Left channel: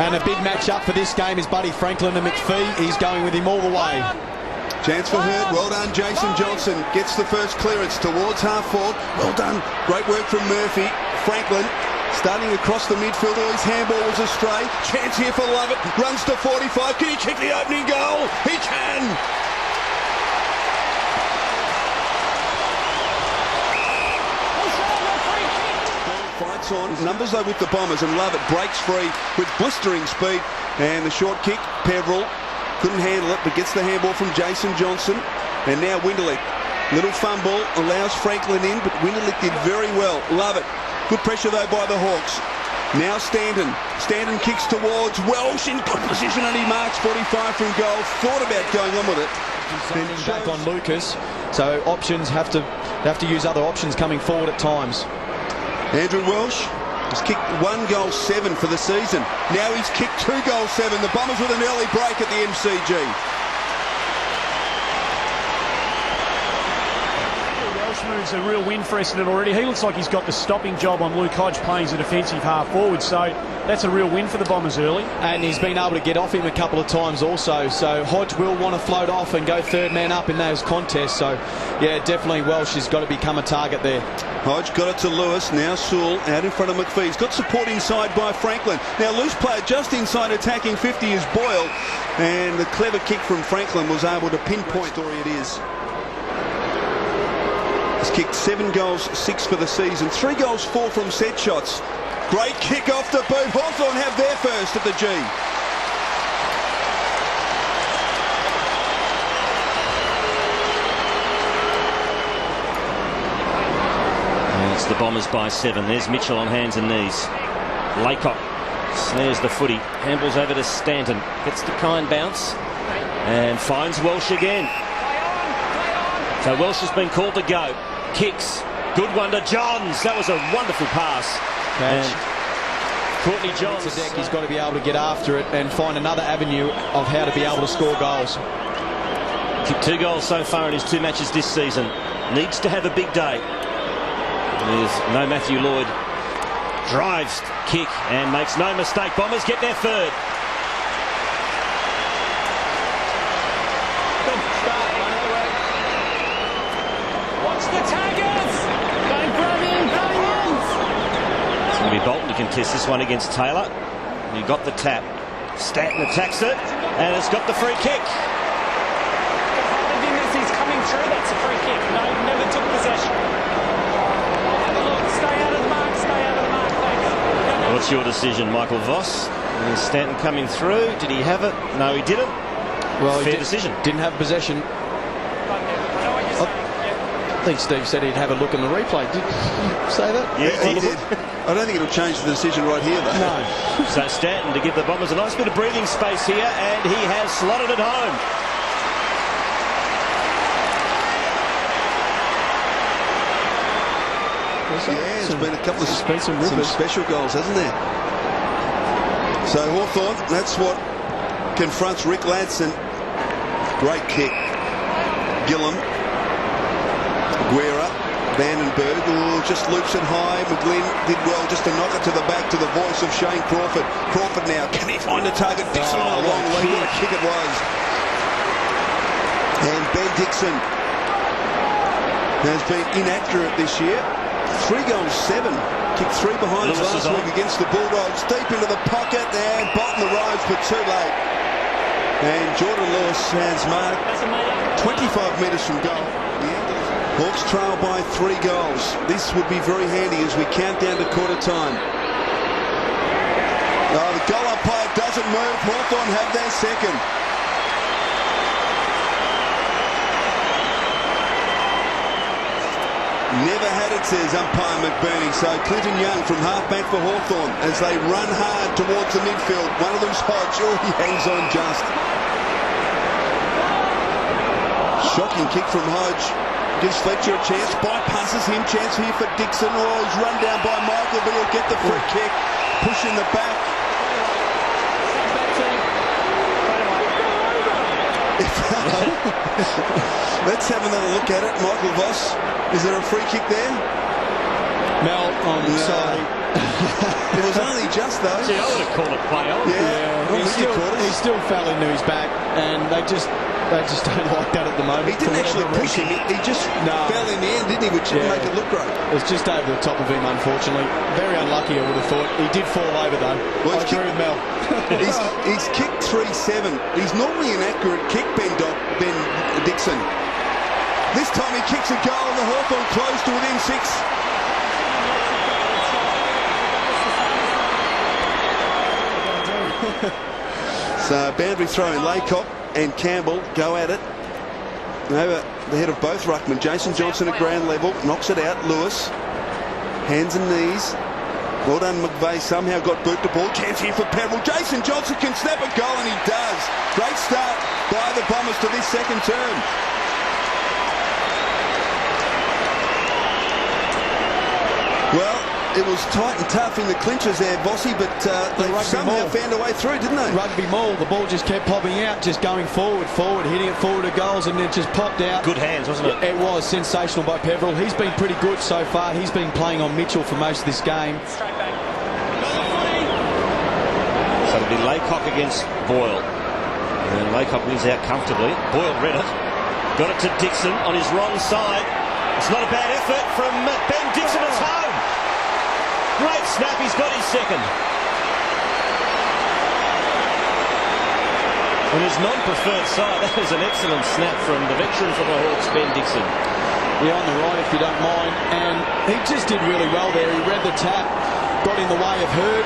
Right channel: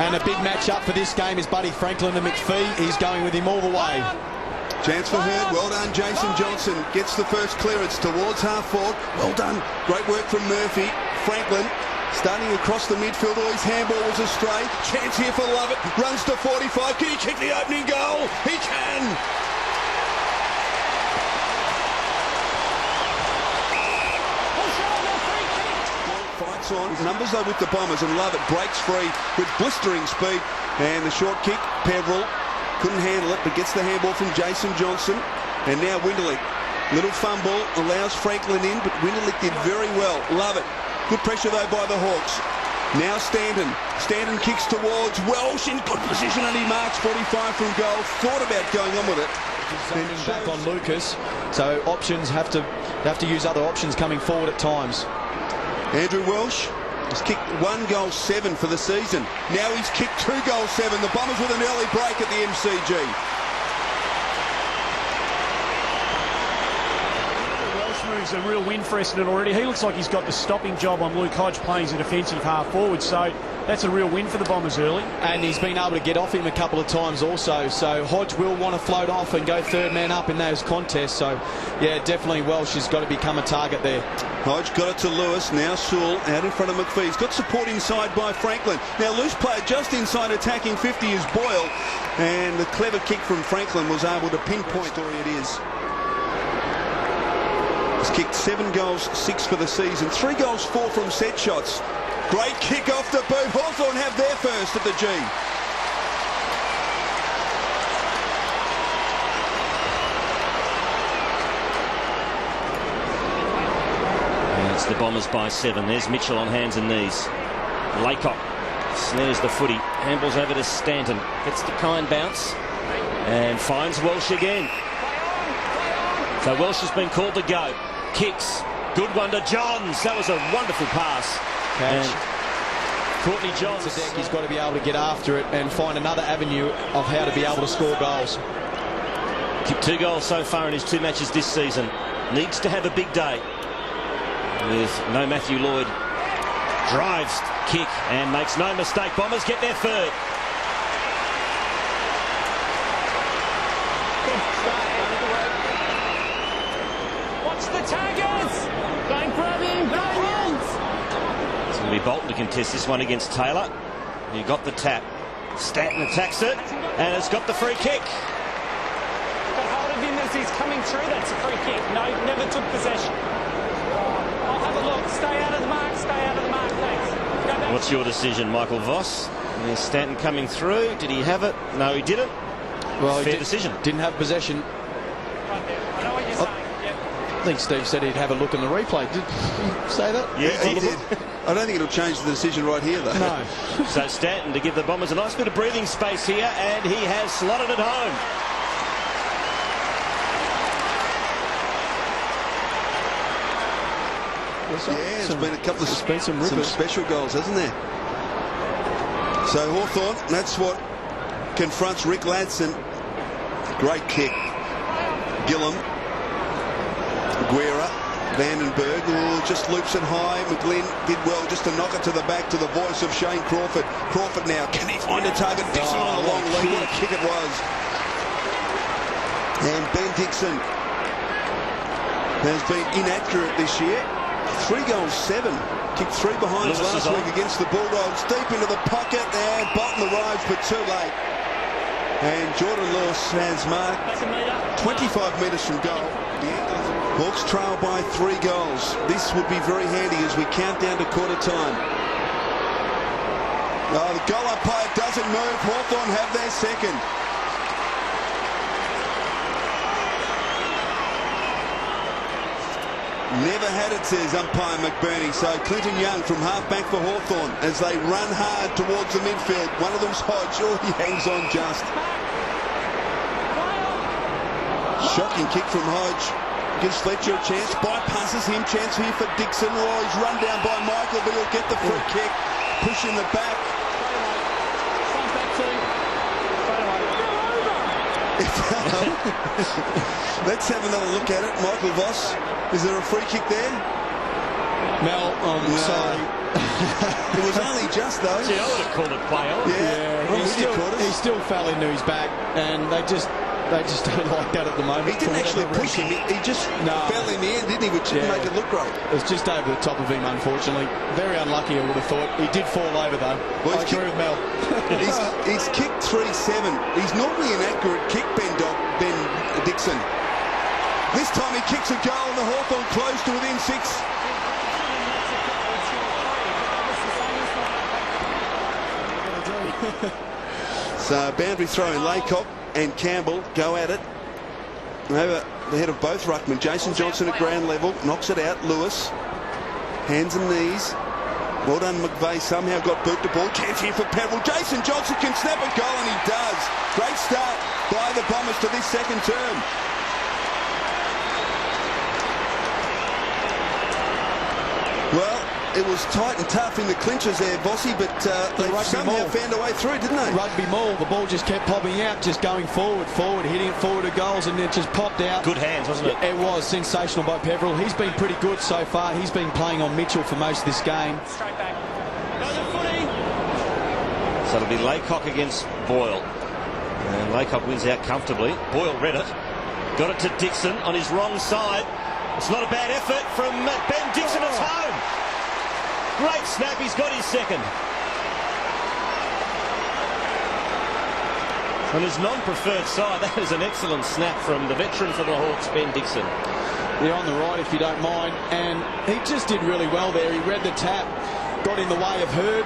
And a big match up for this game is Buddy Franklin and McPhee. He's going with him all the way. Chance for Hurd. Well done, Jason Johnson. Gets the first clearance towards half forward. Well done. Great work from Murphy. Franklin starting across the midfield. Oh, his handball was astray. Chance here for Lovett. Runs to 45. Can he kick the opening goal? He can. Fights on. Numbers though with the Bombers, and Lovett breaks free with blistering speed. And the short kick, Peverill couldn't handle it, but gets the handball from Jason Johnson. And now Winderlich. Little fumble, allows Franklin in, but Winderlich did very well. Lovett. Good pressure though by the Hawks. Now Stanton. Stanton kicks towards Welsh in good position, and he marks 45 from goal. Thought about going on with it. Standing back on Lucas, so options have to use other options coming forward at times. Andrew Welsh has kicked 1 goal 7 for the season. Now he's kicked 2 goal 7. The Bombers with an early break at the MCG. Welsh moves a real win for Essendon already. He looks like he's got the stopping job on Luke Hodge playing as a defensive half forward, so that's a real win for the Bombers early. And he's been able to get off him a couple of times also, so Hodge will want to float off and go third man up in those contests. So yeah, definitely Welsh has got to become a target there. Hodge got it to Lewis. Now Sewell out in front of McPhee. He's got support inside by Franklin. Now loose player just inside attacking 50 is Boyle, and the clever kick from Franklin was able to pinpoint. Story it is. He's kicked 7 goals 6 for the season. 3 goals 4 from set shots. Great kick off the boot. Hawthorn have their first at the G. And it's the Bombers by 7. There's Mitchell on hands and knees. Laycock snares the footy. Handballs over to Stanton. Gets the kind bounce. And finds Welsh again. So Welsh has been called to go. Kicks. Good one to Johns. That was a wonderful pass. And Courtney Johns. He's got to be able to get after it and find another avenue of how to be able to score goals. Kicked 2 goals so far in his 2 matches this season. Needs to have a big day. With no Matthew Lloyd. Drives, kick, and makes no mistake. Bombers get their third. Good start, watch the taggers! Don't grab him, It's going to be Bolton to contest this one against Taylor. He got the tap. Stanton attacks it, and it's got the free kick. Got hold of him as he's coming through. That's a free kick. No, never took possession. I'll have a look. Stay out of the mark. Stay out of the mark. Thanks. What's your decision, Michael Voss? Is Stanton coming through? Did he have it? No, he didn't. Well, fair decision. Didn't have possession. Right there. I know what you're saying. I think Steve said he'd have a look in the replay. Did he say that? Yeah, he did. I don't think it'll change the decision right here, though. No. So Stanton to give the Bombers a nice bit of breathing space here, and he has slotted it home. Yeah, there's been a couple of some special goals, hasn't there? So Hawthorn, that's what confronts Rick Ladson. Great kick. Gillum. Guerra. Vandenberg, just loops it high. McGlynn did well just to knock it to the back to the voice of Shane Crawford. Crawford now, can he find a target? Dixon on a long lead. What a kick it was. And Ben Dixon has been inaccurate this year. 3 goals 7. Kicked 3 behinds last week against the Bulldogs. Deep into the pocket, and Bolton arrives, but too late. And Jordan Lewis has marked 25 metres from goal. Hawks trail by 3 goals. This would be very handy as we count down to quarter time. Oh, the goal umpire doesn't move. Hawthorn have their second. Never had it, says umpire McBurney. So Clinton Young from half-back for Hawthorn as they run hard towards the midfield. One of them's Hodge. Oh, he hangs on just. Shocking kick from Hodge. Gives Fletcher a chance. Bypasses him. Chance here for Dixon. Oh, he's run down by Michael, but he'll get the free kick. Push in the back. Let's have another look at it. Michael Voss. Is there a free kick there? Mel, I'm sorry. It was only just, though. Gee, I would have called it play on. Yeah, he still fell into his back, and they just don't like that at the moment. He didn't actually push him. He just fell in the end, didn't he? Which didn't make it look great. It was just over the top of him, unfortunately. Very unlucky, I would have thought. He did fall over, though. Well, I agree with Mel. he's kicked 3-7. He's normally an accurate kick, Ben Dixon. This time he kicks a goal and the Hawthorn close to within 6. So boundary throw in. Laycock and Campbell go at it. Over the head of both ruckmen. Jason Johnson at ground level. Knocks it out. Lewis. Hands and knees. Well done, McVeigh. Somehow got boot the ball. Chance here for Peverill. Jason Johnson can snap a goal, and he does. Great start by the Bombers to this second term. Well, it was tight and tough in the clinches there, Vossi, but they somehow found a way through, didn't they? Rugby maul. The ball just kept popping out, just going forward, hitting it forward to goals, and it just popped out. Good hands, wasn't it? It was sensational by Peverill. He's been pretty good so far. He's been playing on Mitchell for most of this game. Straight back. Go to footy. So it'll be Laycock against Boyle. And Laycock wins out comfortably. Boyle read it. Got it to Dixon on his wrong side. It's not a bad effort from Ben Dixon. It's home. Great snap. He's got his second. On his non-preferred side, that is an excellent snap from the veteran for the Hawks, Ben Dixon. Yeah, on the right, if you don't mind. And he just did really well there. He read the tap, got in the way of Hurd.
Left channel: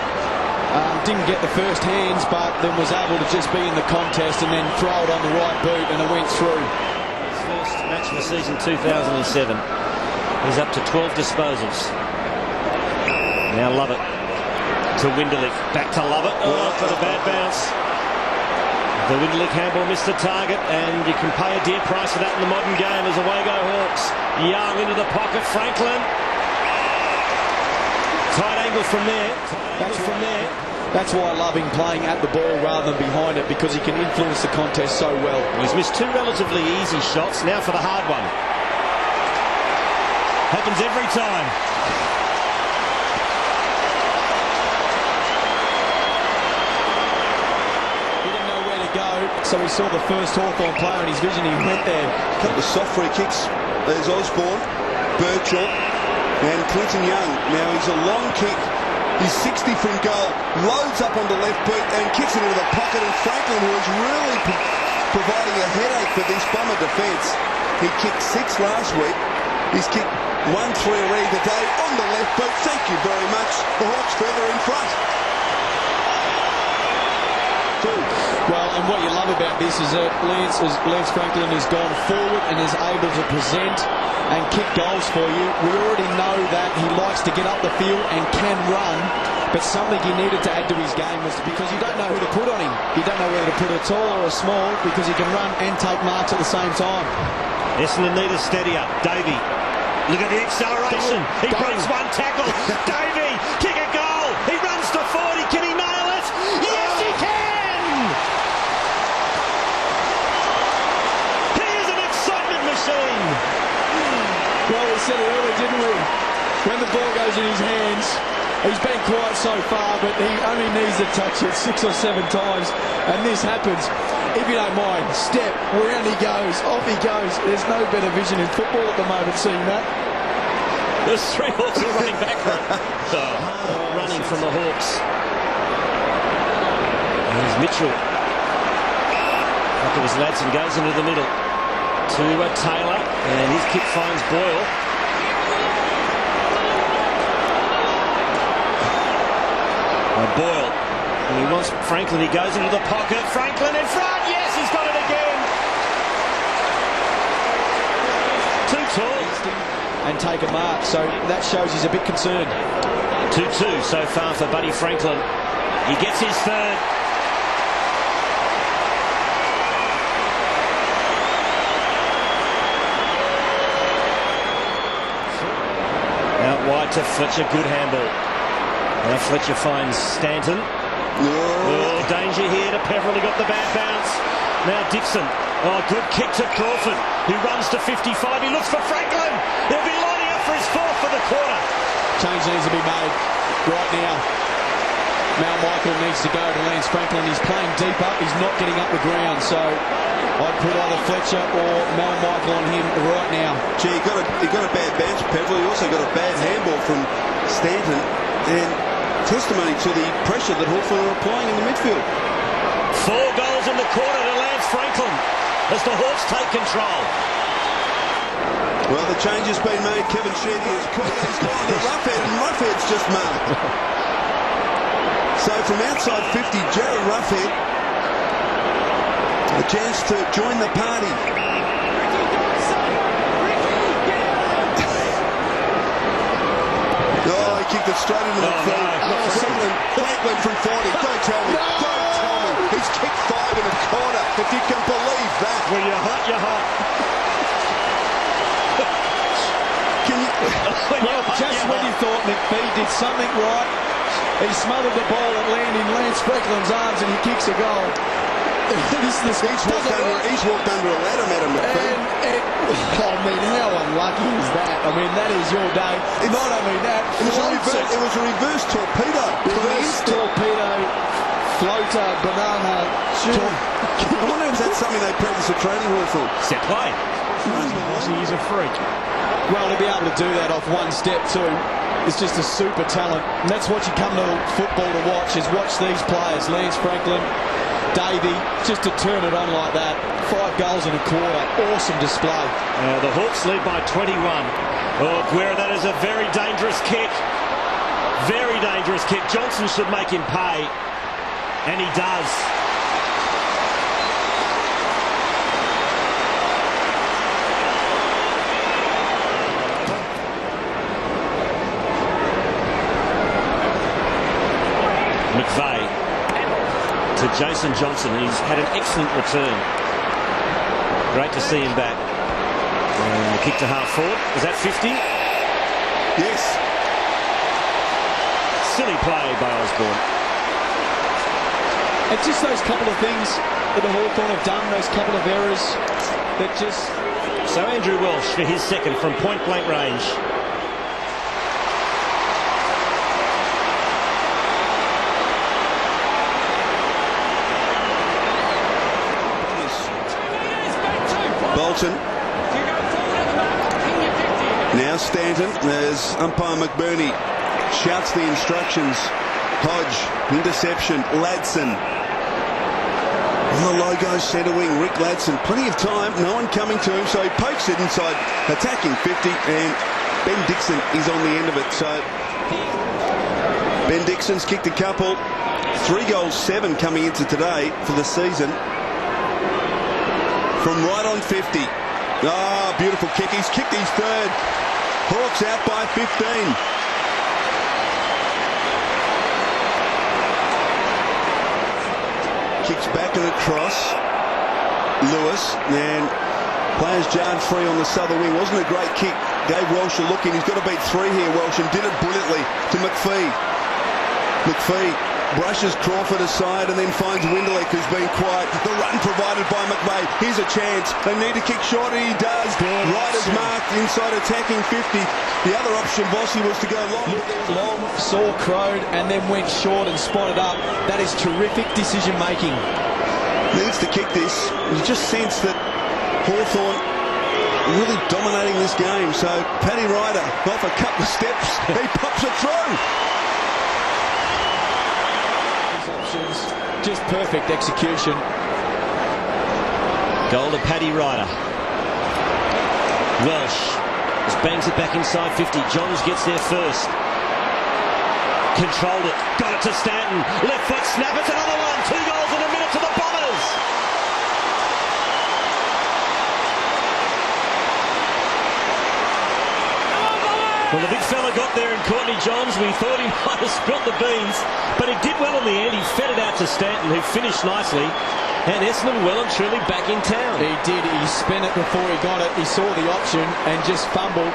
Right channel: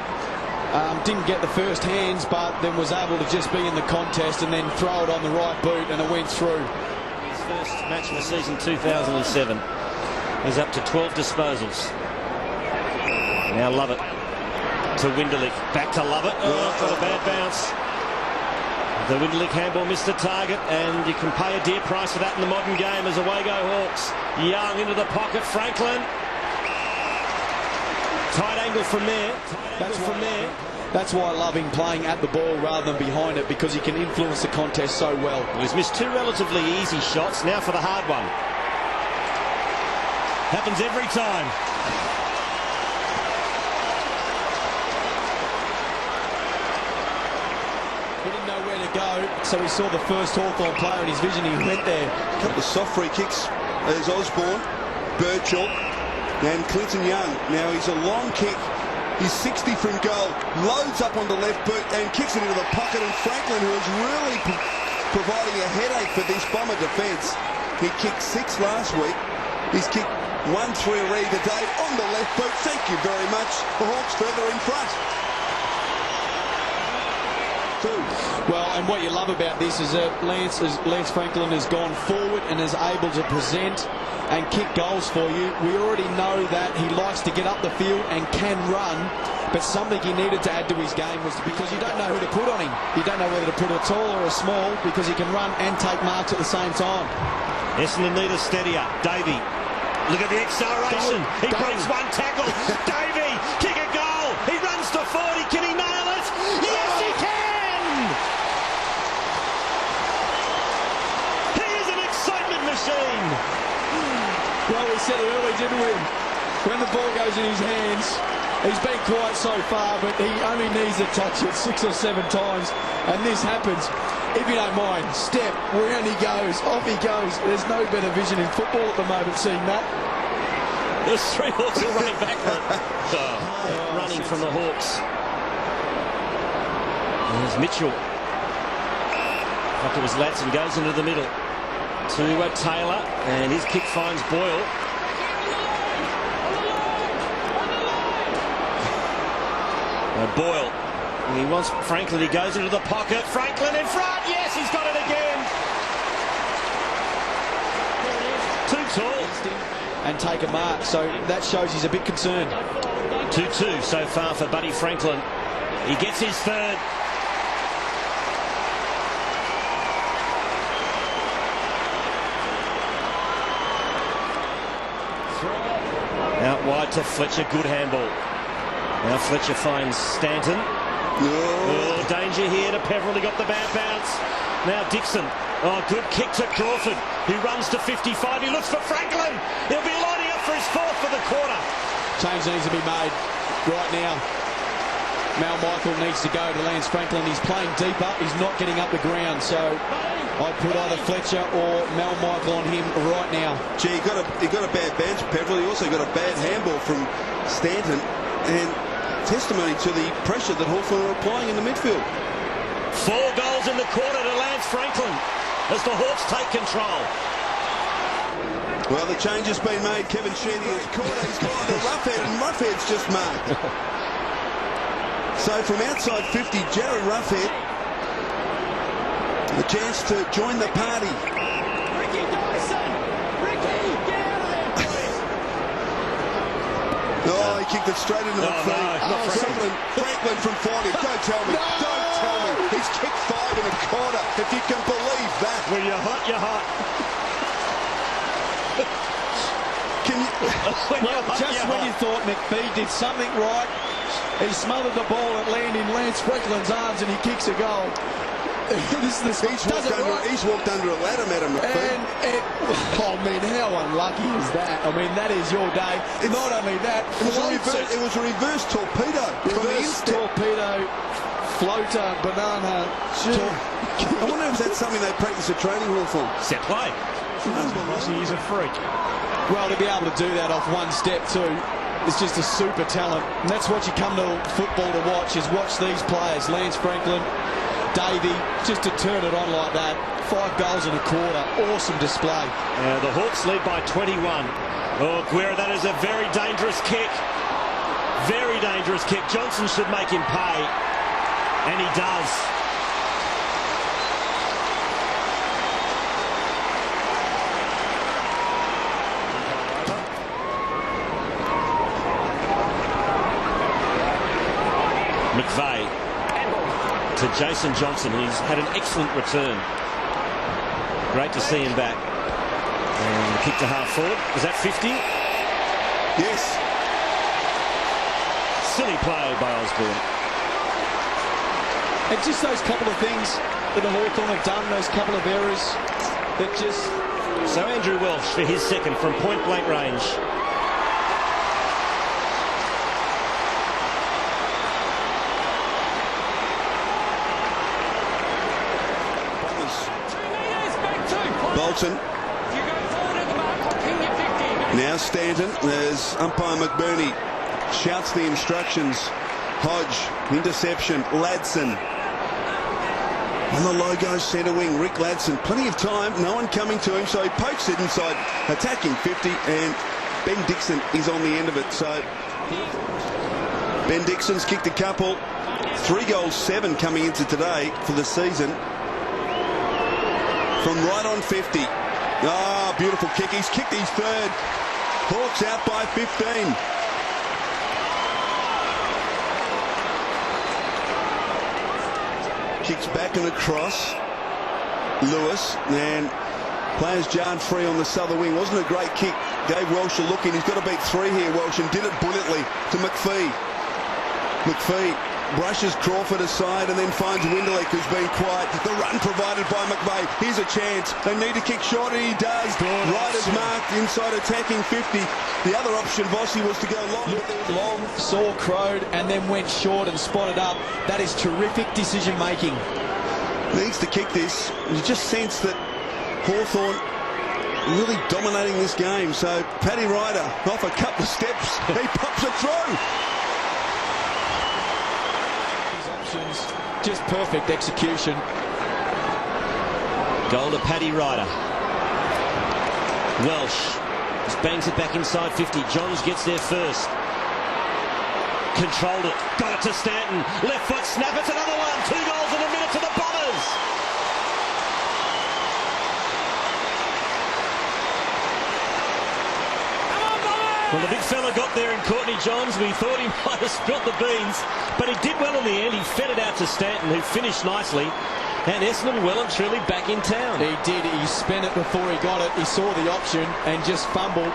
Didn't get the first hands, but then was able to just be in the contest and then throw it on the right boot, and it went through. His first match of the season, 2007. He's up to 12 disposals. Now Lovett to Winderlich. Back to Lovett. Oh, got a bad bounce. The Winderlich handball missed the target, and you can pay a dear price for that in the modern game as away go Hawks. Young into the pocket. Franklin. Tight angle from there. That's why I love him playing at the ball rather than behind it, because he can influence the contest so well. Well, he's missed two relatively easy shots. Now for the hard one. Happens every time. He didn't know where to go, so he saw the first Hawthorn player in his vision. He went there. A couple of soft free kicks. There's Osborne, Birchall, and Clinton Young. Now he's a long kick. He's 60 from goal. Loads up on the left boot and kicks it into the pocket. And Franklin, who is really providing a headache for this Bomber defence. He kicked 6 last week. He's kicked 1-3 already today on the left boot. Thank you very much. The Hawks further in front. Well, and what you love about this is that Lance Franklin has gone forward and is able to present and kick goals for you. We already know that he likes to get up the field and can run, but something he needed to add to his game was because you don't know who to put on him. You don't know whether to put a tall or a small, because he can run and take marks at the same time. Essendon need a steadier. Davey. Look at the acceleration. He breaks one tackle. Davey, kick a goal. He runs to 40. Can he nail it? Yes, he can! He is an excitement machine. Well, we said it earlier, didn't we? When the ball goes in his hands, he's been quiet so far, but he only needs to touch it 6 or 7 times, and this happens. If you don't mind, step, round he goes, off he goes. There's no better vision in football at the moment, seeing that. There's 3 Hawks all running back for it. Running from the Hawks. And there's Mitchell. I thought it was Ladson, goes into the middle to Taylor, and his kick finds Boyle. Boyle, and he wants Franklin. He goes into the pocket. Franklin in front. Yes, he's got it again. Too tall. And take a mark, so that shows he's a bit concerned. 2-2 so far for Buddy Franklin. He gets his third. Out wide to Fletcher, good handball. Now Fletcher finds Stanton. Oh, danger here to Peverill, he got the bad bounce. Now Dixon, oh, good kick to Crawford, who runs to 55, he looks for Franklin. He'll be lining up for his 4th for the quarter. Change needs to be made right now. Mal Michael needs to go to Lance Franklin. He's playing deep up. He's not getting up the ground. So I'd put either Fletcher or Mal Michael on him right now. Gee, he got a bad bounce, Peville. He also got a bad handball from Stanton. And testimony to the pressure that Hawthorn are applying in the midfield. 4 goals in the quarter to Lance Franklin as the Hawks take control. Well, the change has been made. Kevin Sheedy has called. He's gone to Roughhead, and Roughhead's just marked. So from outside 50, Jared Roughhead, a chance to join the party. Ricky Dyson! Ricky, get out of there, Oh, he kicked it straight into the feet. Franklin from 40. Don't tell me. No! Don't tell me. He's kicked 5 in a quarter. If you can believe that. When you're hot, you're hot. Can you? When you thought McPhee did something right, he smothered the ball at Lance Franklin's arms and he kicks a goal. He's walked under a ladder, Madam McPhee. I mean, how unlucky is that? I mean, that is your day. Not only that, it was a reverse torpedo. Reverse torpedo, floater, banana. I wonder if that's something they practice at training hall for. Set play. He is a freak. Well, to be able to do that off one step too, is just a super talent. And that's what you come to football to watch, is watch these players. Lance Franklin, Davey, just to turn it on like that. 5 goals in a quarter. Awesome display. The Hawks lead by 21. Oh, Guerra, that is a very dangerous kick. Very dangerous kick. Johnson should make him pay. And he does. McVeigh to Jason Johnson. He's had an excellent return. Great to see him back. And the kick to half forward. Was that 50? Yes. Silly play by Osborne. And just those couple of things that the Hawthorn have done, those couple of errors that just... So Andrew Welsh for his second from point blank range. Bolton. If you go forward at the mark, I'll ping you 50. Now Stanton, as umpire McBurney shouts the instructions. Hodge, interception, Ladson. On the logo centre wing, Rick Ladson. Plenty of time, no one coming to him, so he pokes it inside, attacking 50, and Ben Dixon is on the end of it. So Ben Dixon's kicked a couple. 3 goals, 7 coming into today for the season. From right on 50. Ah, beautiful kick. He's kicked his 3rd. Hawks out by 15. Kicks back and across. Lewis, and players jarred free on the southern wing. Wasn't a great kick. Gave Welsh a look in. He's got to beat 3 here, Welsh, and did it brilliantly to McPhee. McPhee brushes Crawford aside and then finds Winderlick, who's been quiet. The run provided by McVeigh. Here's a chance. They need to kick short, and he does. Right as marked inside attacking 50. The other option, Vossi, was to go long. Long, saw crowed, and then went short and spotted up. That is terrific decision making. Needs to kick this. You just sense that Hawthorn really dominating this game. So Paddy Ryder off a couple of steps. He pops it through. Just perfect execution. Goal to Paddy Ryder. Welsh just bangs it back inside 50. Johns gets there first. Controlled it. Got it to Stanton. Left foot snap. It's another one. 2 goals in a minute to the Bombers. Well, the big fella got there, and Courtney Johns, we thought he might have spilt the beans, but he did well in the end. He fed it out to Stanton, who finished nicely, and Essendon well and truly back in town. He did. He spent it before he got it. He saw the option and just fumbled.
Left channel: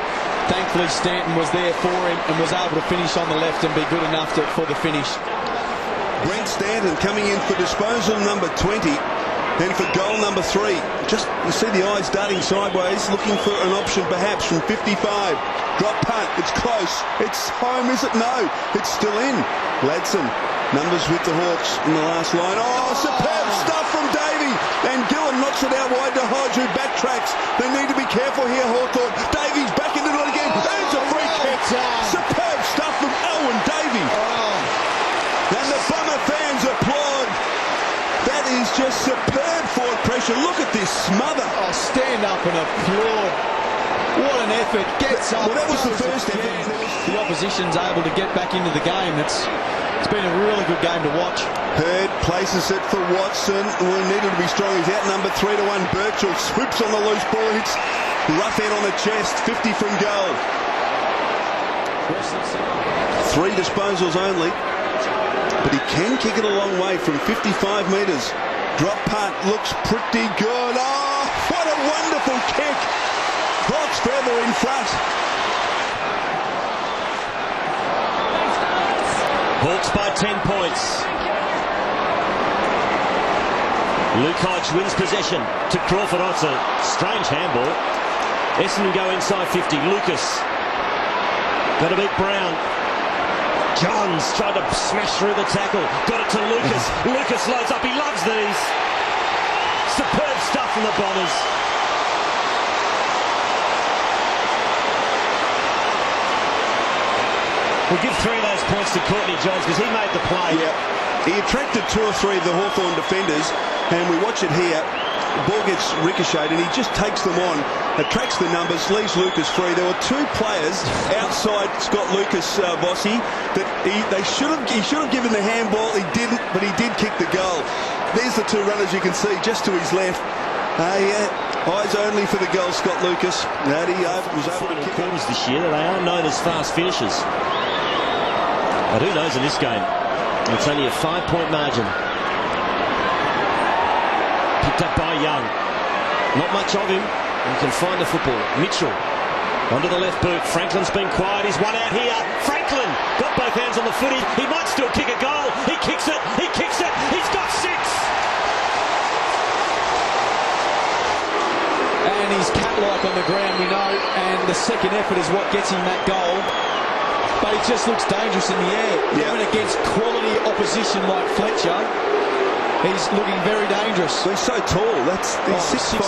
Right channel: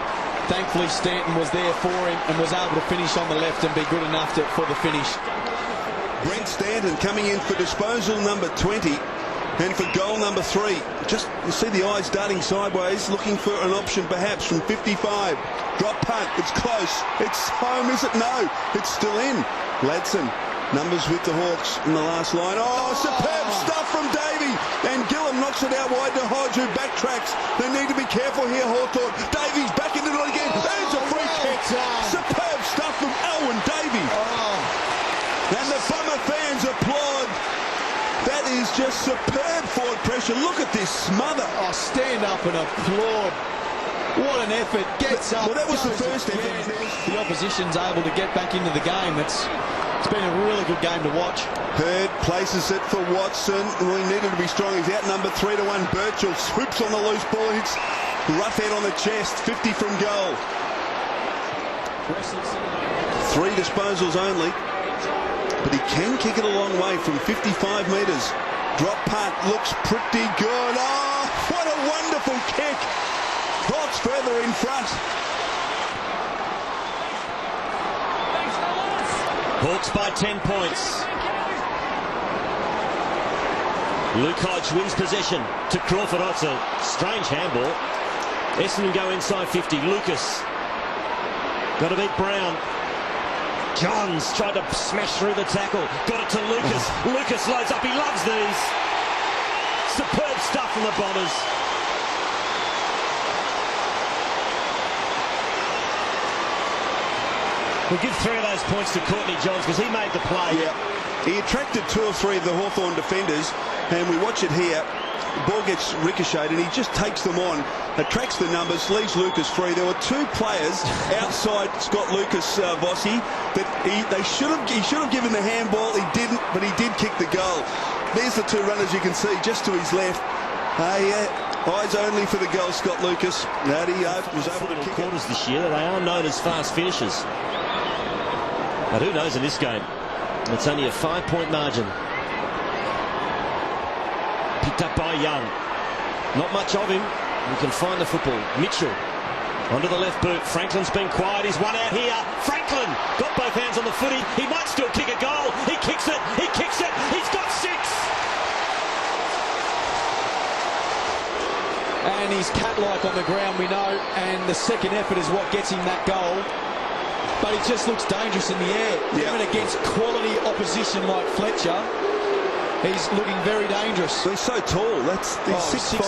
Thankfully, Stanton was there for him and was able to finish on the left and be good enough for the finish. Brent Stanton coming in for disposal number 20. And for goal number 3, just you see the eyes darting sideways, looking for an option perhaps from 55. Drop punt, it's close. It's home, is it? No, it's still in. Ladson, numbers with the Hawks in the last line. Oh, superb stuff from Davey. And Gillen knocks it out wide to Hodge, who backtracks. They need to be careful here, Hawthorn. Davies back into it again. There's a free kick. Superb stuff from Elwyn Davey. And the Bomber fans applaud. That is just superb forward pressure. Look at this smother. Oh, stand up and applaud. What an effort. Gets up. Well, that was the first effort. The opposition's able to get back into the game. It's been a really good game to watch. Hurd places it for Watson. We needed to be strong. He's outnumbered 3-1. Birchall swoops on the loose ball. Hits Roughhead on the chest. 50 from goal. 3 disposals only. But he can kick it a long way from 55 metres. Drop punt looks pretty good. Oh, what a wonderful kick. Hawks further in front. Thanks, fellas. Hawks by 10 points. Luke Hodge wins possession to Crawford. Oh, it's a strange handball. Essendon go inside 50. Lucas got to beat Brown. Johns tried to smash through the tackle. Got it to Lucas. Lucas loads up. He loves these. Superb stuff from the Bombers. We'll give 3 of those points to Courtney Johns because he made the play. Yeah, he attracted 2 or 3 of the Hawthorn defenders, and we watch it here. The ball gets ricocheted and he just takes them on, attracts the numbers, leaves Lucas free. There were 2 players outside Scott Lucas, Vossi, that he should have given the handball. He didn't, but he did kick the goal. There's the 2 runners you can see just to his left. Eyes only for the goal, Scott Lucas. That he was able to kick quarters this year. They are known as fast finishers. But who knows in this game? It's only a 5-point margin. Picked up by Young. Not much of him. He can find the football. Mitchell onto the left boot. Franklin's been quiet. He's one out here. Franklin got both hands on the footy. He might still kick a goal. He kicks it. He kicks it. He's got 6. And he's cat-like on the ground, we know. And the second effort is what gets him that goal. But he just looks dangerous in the air. Even against quality opposition like Fletcher, he's looking very dangerous. He's so tall. He's 6'5".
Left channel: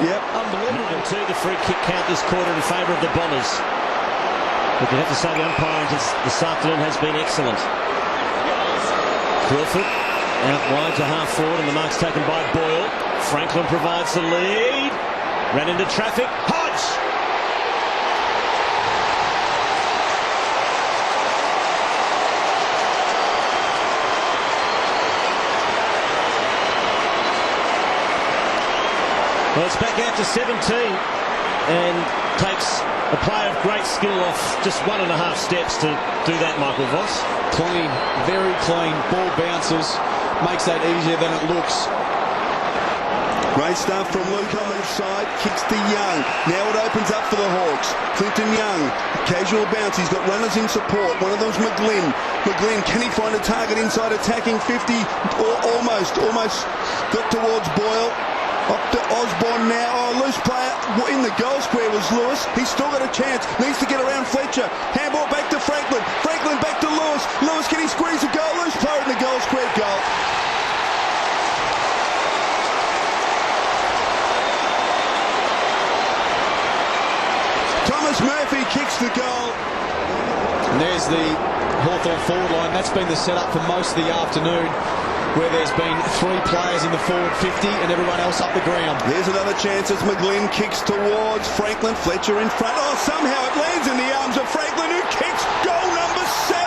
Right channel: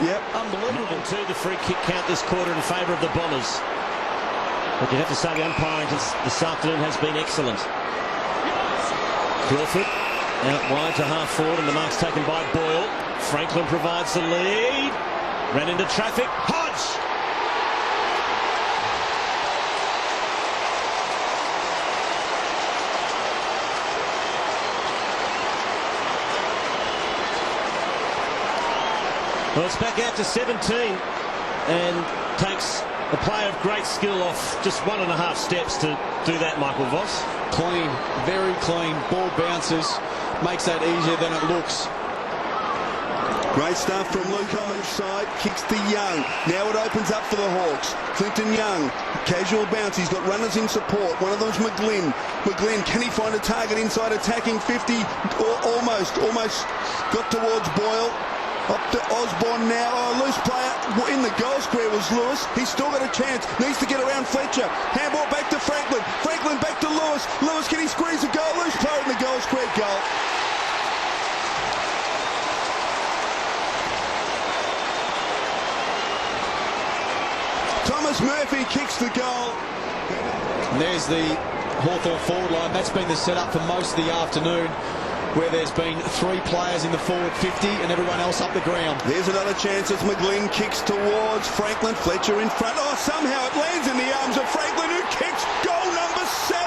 Yep. Unbelievable. 9-2, the free kick count this quarter in favour of the Bombers. But you have to say the umpiring this afternoon has been excellent. Crawford out wide to half forward, and the mark's taken by Boyle. Franklin provides the lead. Ran into traffic. Hodge! Well, it's back out to 17 and takes a player of great skill off just 1.5 steps to do that, Michael Voss. Clean, very clean. Ball bounces, makes that easier than it looks. Great stuff from Luke on the side. Kicks to Young. Now it opens up for the Hawks. Clinton Young, casual bounce. He's got runners in support. One of them's McGlynn. McGlynn, can he find a target inside attacking 50? Almost got towards Boyle. Up to Osborne now. Oh, loose player in the goal square was Lewis. He's still got a chance. Needs to get around Fletcher. Handball back to Franklin. Franklin back to Lewis. Lewis, can he squeeze a goal? Loose player in the goal square. Goal. Thomas Murphy kicks the goal. And there's the Hawthorn forward line. That's been the setup for most of the afternoon, where there's been 3 players in the forward 50 and everyone else up the ground. There's another chance as McGlynn kicks towards Franklin. Fletcher in front. Oh, somehow it lands in the arms of Franklin, who kicks goal number 7.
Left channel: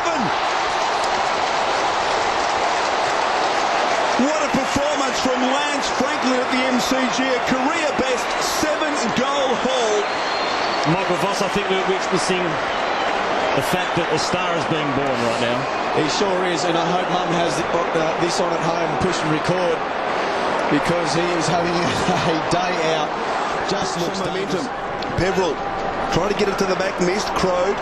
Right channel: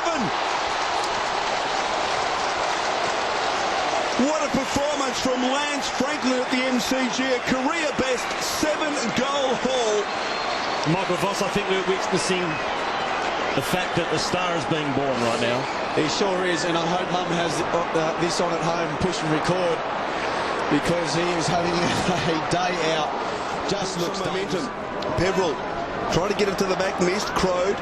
What a performance from Lance Franklin at the MCG. A career best 7-goal haul. Michael Voss, I think we're witnessing the fact that a star is being born right now. He sure is, and I hope Mum has this on at home, push and record, because he is having a day out. Just looks some momentum. dangerous. Peveril tried to get it to the back, missed. Crowed.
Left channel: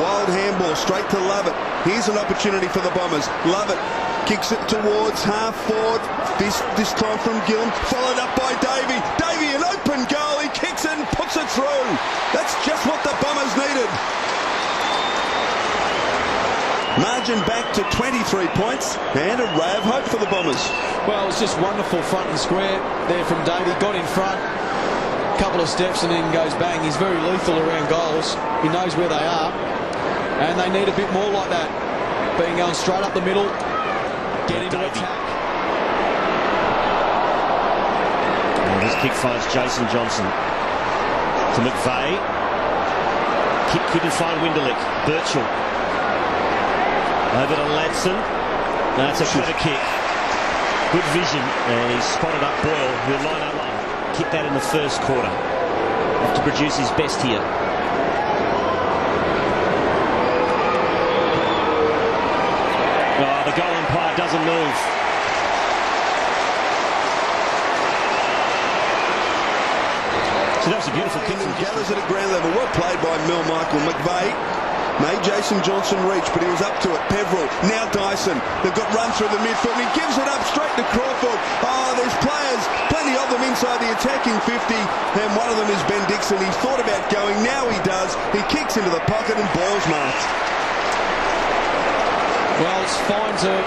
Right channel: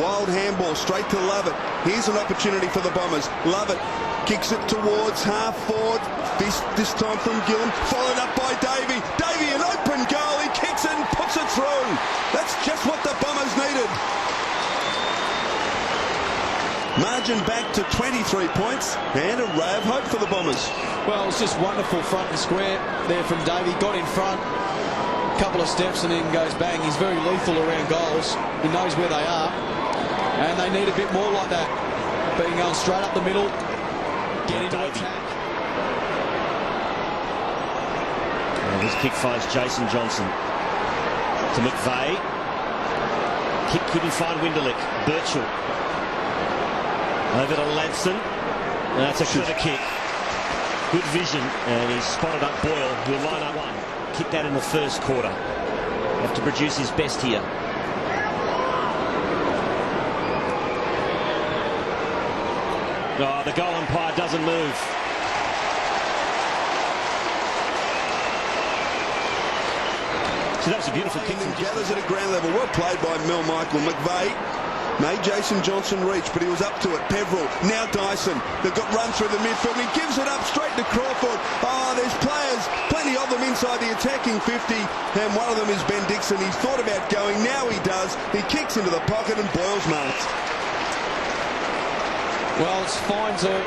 Wild handball straight to Lovett. Here's an opportunity for the Bombers. Lovett kicks it towards half forward. This time from Gillam, followed up by Davey. Davey, an open goal. He kicks it and puts it through. That's just what the Bombers needed. Margin back to 23 points and a ray of hope for the Bombers. Well, it's just wonderful front and square there from Davey. Got in front, couple of steps and then goes bang. He's very lethal around goals. He knows where they are. And they need a bit more like that. Being going straight up the middle, get into attack. And his kick finds Jason Johnson to McVeigh. Kick couldn't find Winderlick. Birchall over to Ladson. That's a clever kick. Good vision, and he's spotted up Boyle, who'll line up one. Kick that in the first quarter. Have to produce his best here. Oh, the goal umpire doesn't move. So that was a beautiful kick. And gathers it at ground level. Well played by Mel Michael. McVeigh made Jason Johnson reach, but he was up to it. Peveril, now Dyson. They've got run through the midfield. He gives it up straight to Crawford. Oh, there's players, plenty of them inside the attacking 50, and one of them is Ben Dixon. He's thought about going. Now he does. He kicks into the pocket and Boyle's marked. Well, it's fine to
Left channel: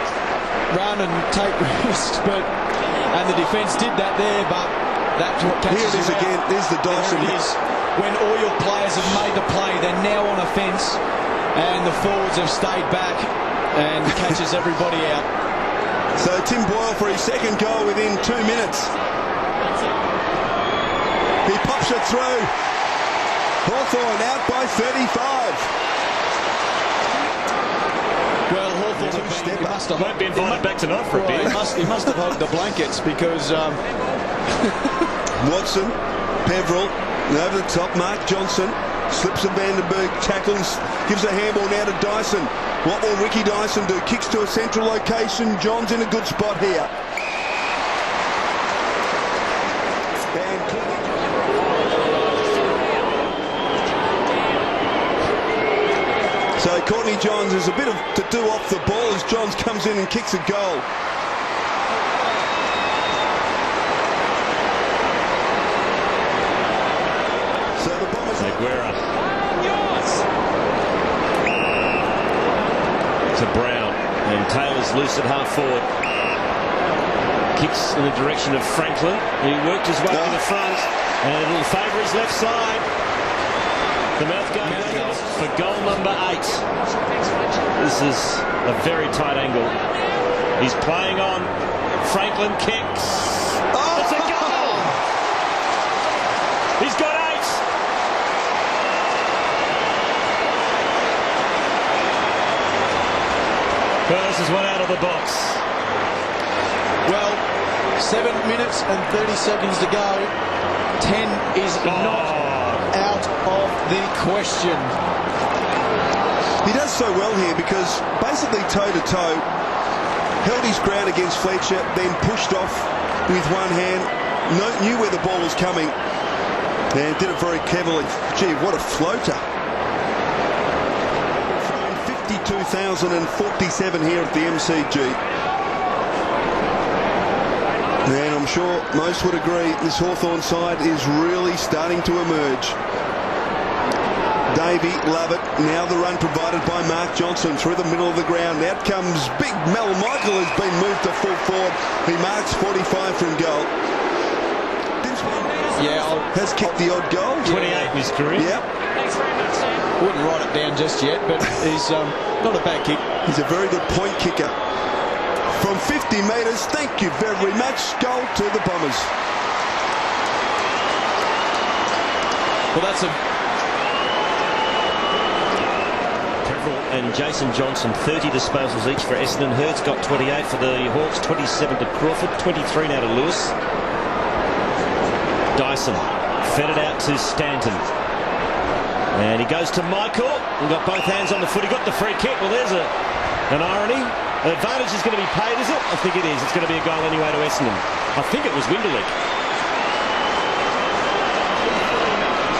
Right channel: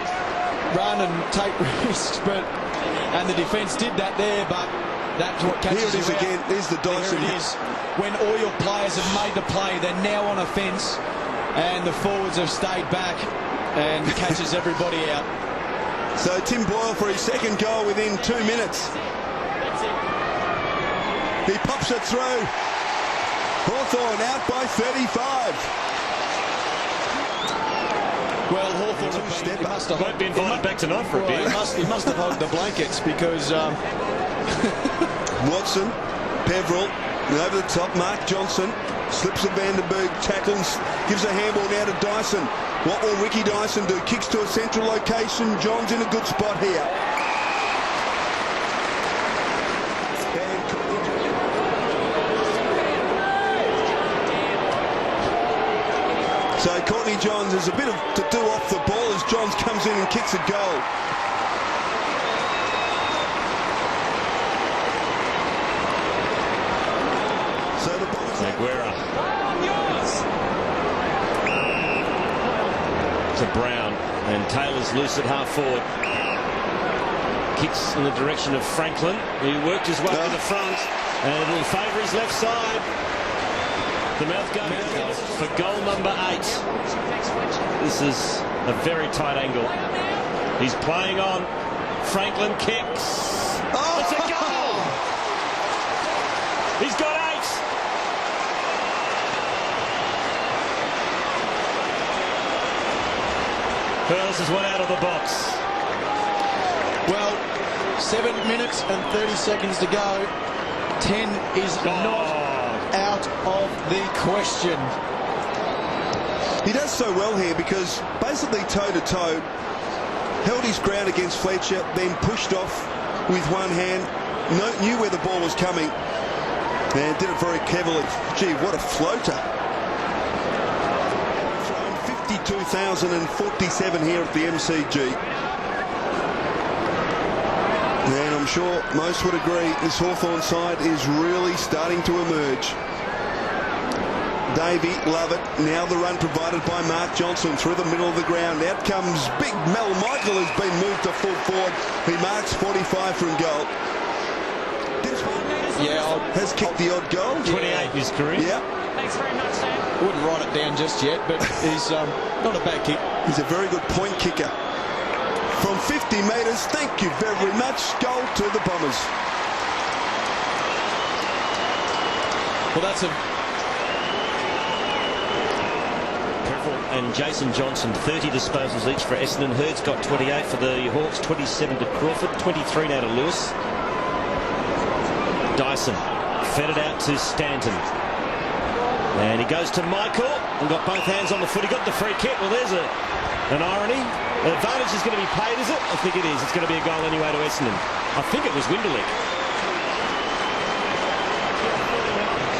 run and take risks, and the defence did that there, but that's what catches Here it is you again. out. There's the Dyson. There it is. When all your players have made the play, they're now on offence, and the forwards have stayed back and catches everybody out. So Tim Boyle for his second goal within 2 minutes. He pops it through. Hawthorn out by 35. Well, Hawthorn Won't be invited back tonight for a beer. He must have hugged the blankets because Watson, Peveril, over the top. Mark Johnson slips a Vandenberg, tackles, gives a handball now to Dyson. What will Ricky Dyson do? Kicks to a central location. John's in a good spot here. And so Courtney Johns has a bit of to do off the ball as Johns comes in and kicks a goal. So the Bombers... Aguera to Brown, and Taylor's loose at half forward. Kicks in the direction of Franklin, who worked his way to the front, and it'll favour his left side. The mouth goal for goal number 8. This is a very tight angle. He's playing on. Franklin kicks. Oh! It's a goal! He's got 8. Well, this is one out of the box. well, 7 minutes and 30 seconds to go. 10 is not out of the question. He does so well here because basically toe-to-toe, held his ground against Fletcher, then pushed off with one hand, knew where the ball was coming, and did it very cleverly. Gee, what a floater. 52,047 here at the MCG. And I'm sure most would agree this Hawthorn side is really starting to emerge. Davey, love it. Now the run provided by Mark Johnson through the middle of the ground. Out comes big Mel Michael, who's been moved to full forward. He marks 45 from goal. Has kicked the odd goal. 28 in his career. Yeah. Thanks very much, Sam. I wouldn't write it down just yet, but he's not a bad kick. He's a very good point kicker. From 50 metres, thank you very much. Goal to the Bombers. Well, that's a... Peveril and Jason Johnson, 30 disposals each for Essendon. Hurd's got 28 for the Hawks, 27 to Crawford, 23 now to Lewis. Dyson fed it out to Stanton. And he goes to Michael and got both hands on the foot. He got the free kick. Well, there's an irony. The advantage is going to be paid, is it? I think it is. It's going to be a goal anyway to Essendon. I think it was Winderlick.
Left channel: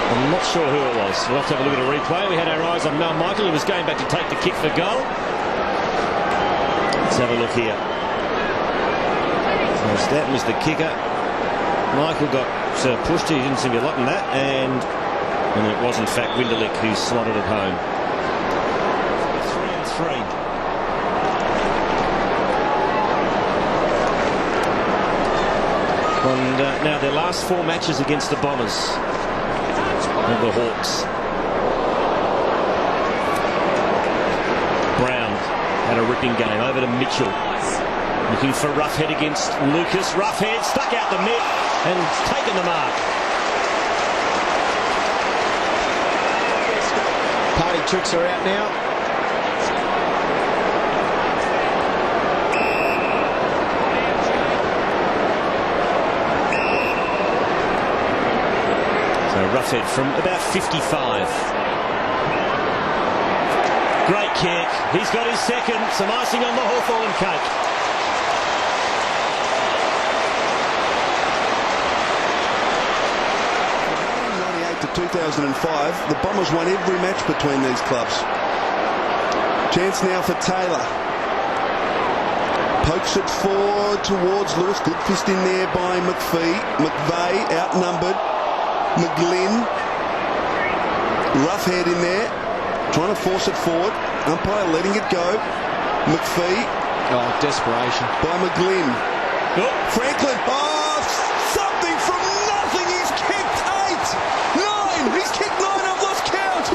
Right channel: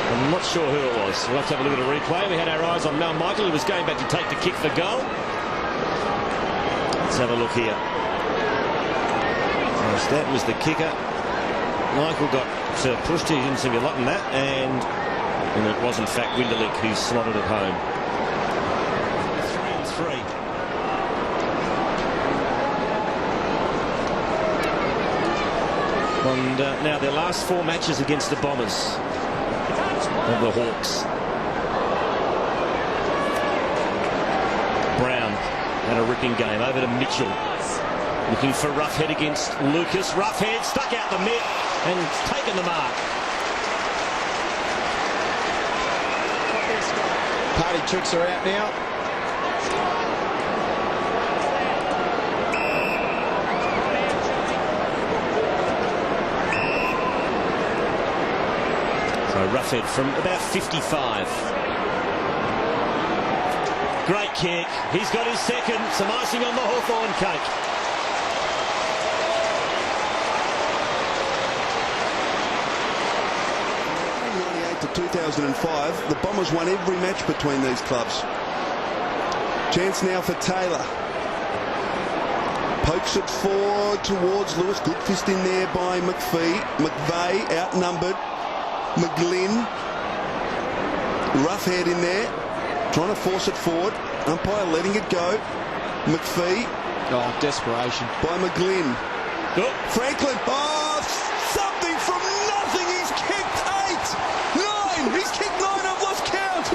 I'm not sure who it was. We'll have to have a look at a replay. We had our eyes on Mel Michael, who was going back to take the kick for goal. Let's have a look here. So Stanton was the kicker. Michael got pushed. He didn't seem to be liking that, and it was in fact Winderlick who slotted it home. 3-3. And now their last 4 matches against the Bombers of the Hawks. Brown had a ripping game. Over to Mitchell. Looking for Roughhead against Lucas. Roughhead stuck out the mitt and taken the mark. Party tricks are out now. So Roughhead from about 55. Great kick. He's got his second. Some icing on the Hawthorn cake. From 1998 to 2005, the Bombers won every match between these clubs. Chance now for Taylor. Pokes it forward towards Lewis. Good fist in there by McVeigh outnumbered. McGlynn. Roughhead in there. Trying to force it forward. Umpire letting it go. McPhee. Oh, desperation. By McGlynn. Oh. Franklin. Oh, something from nothing. He's kicked 8, 9. He's kicked 9. I've lost count.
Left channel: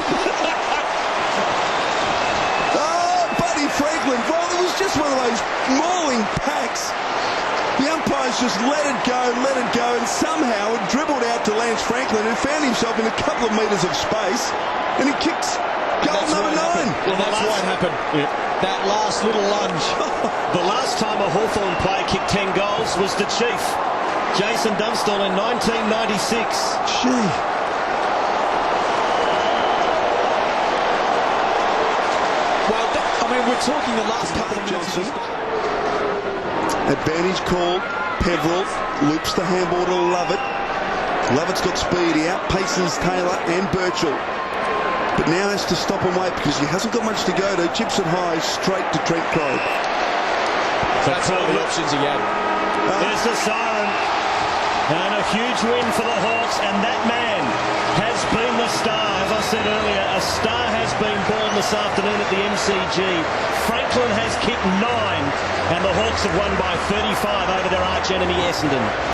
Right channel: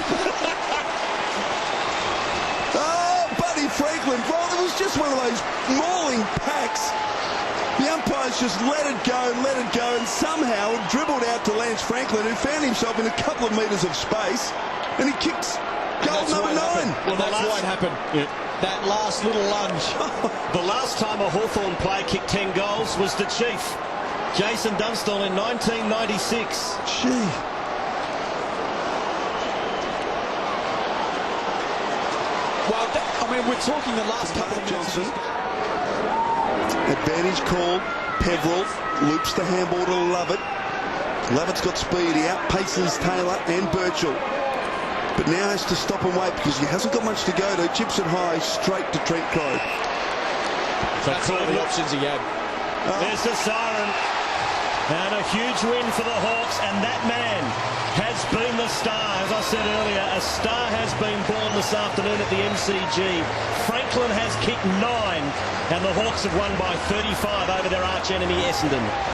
Oh, Buddy Franklin. Well, it was just one of those mauling packs. The umpires just let it go, and somehow it dribbled out to Lance Franklin, who found himself in a couple of metres of space, and he kicks goal number 9. Well, that's why it happened. Yeah. That last little lunge. The last time a Hawthorn player kicked 10 goals was the Chief, Jason Dunstall, in 1996. Gee. Well, I mean, we're talking the last couple of minutes. Johnson. Advantage called. Peveril loops the handball to Lovett. Lovett's got speed. He outpaces Taylor and Birchall. But now has to stop and wait because he hasn't got much to go to. Chips it high straight to Trent Crowe. That's all the options he had. There's the siren. And a huge win for the Hawks, and that man has been the star. As I said earlier, a star has been born this afternoon at the MCG. Franklin has kicked 9, and the Hawks have won by 35 over their arch enemy Essendon.